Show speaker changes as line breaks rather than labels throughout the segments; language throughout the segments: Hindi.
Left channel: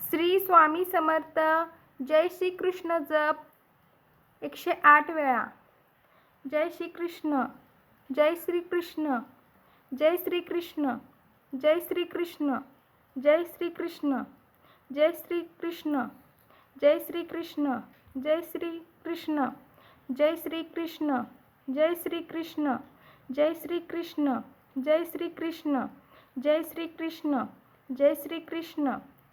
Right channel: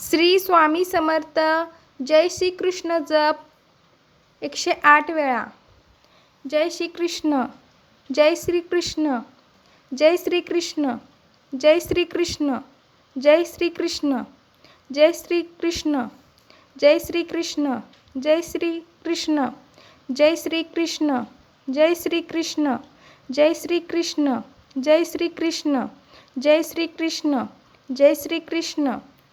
श्री स्वामी समर्थ जय श्री कृष्ण जप एकशे आठ वेळा जय श्री कृष्ण जय श्री कृष्ण जय श्री कृष्ण जय श्री कृष्ण जय श्री कृष्ण जय श्री कृष्ण जय श्री कृष्ण जय श्री कृष्ण जय श्री कृष्ण जय श्री कृष्ण जय श्री कृष्ण जय श्री कृष्ण जय श्री कृष्ण जय श्री कृष्ण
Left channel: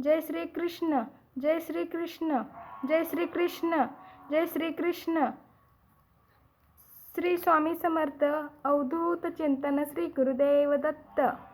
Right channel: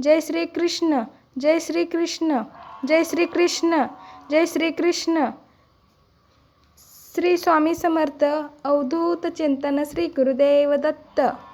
जय श्री कृष्ण जय श्री कृष्ण जय श्री कृष्ण जय श्री कृष्ण श्री स्वामी समर्थ अवधूत चिंतन श्री गुरुदेव दत्त